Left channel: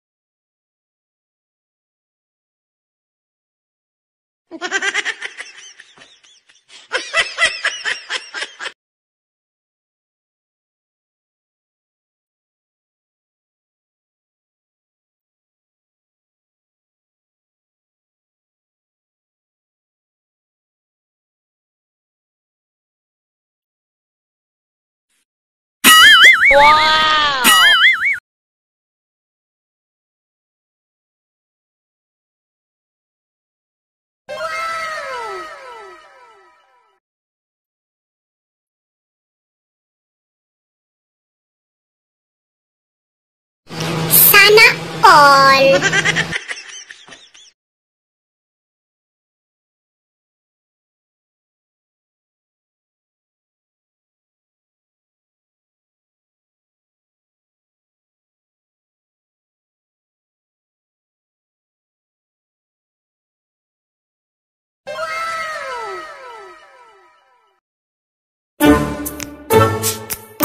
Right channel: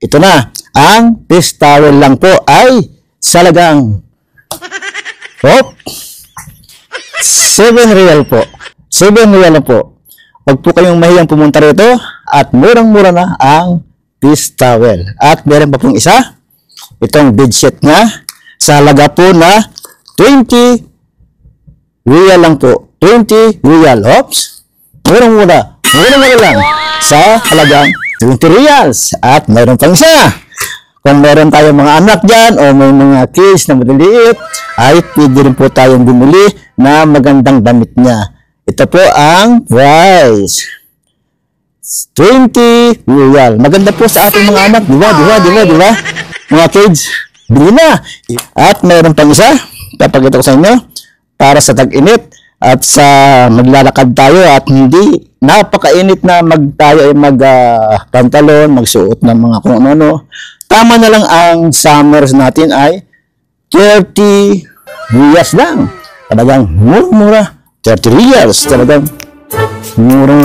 ito na. Ang fish towel lang po ay salagang 7 real po. 7 real na po. Huwag po kayong mahiyang pumunta rito at murang-mura na ang fish towel. At meron pa pong isa, itong bedsheet na sa halaga po na 20 real lang po. 20 real. Oops. Murang-mura. Murang-mura lang. Sa halagang 20 reals. At meron pang isa. Kung meron tayong mga anak dyan o may mga kids na maliliit, ay pwede rin po tayong bumili na magandang damit niya. Ito po ang price. 20 real. Maganda po sa ating mga anak. Diba? Mga kids, bili na. At meron pang isa. Papakita ko sa inyo. Para sa tag-init at sa maglalakad tayo at hindi napakainit na tayo ay pantalon, magsuot ng mga kung ano-ano. Tama na lang ang summers natin ay 30 reals lang. Talagang mura. 30 reals. Talagang mura.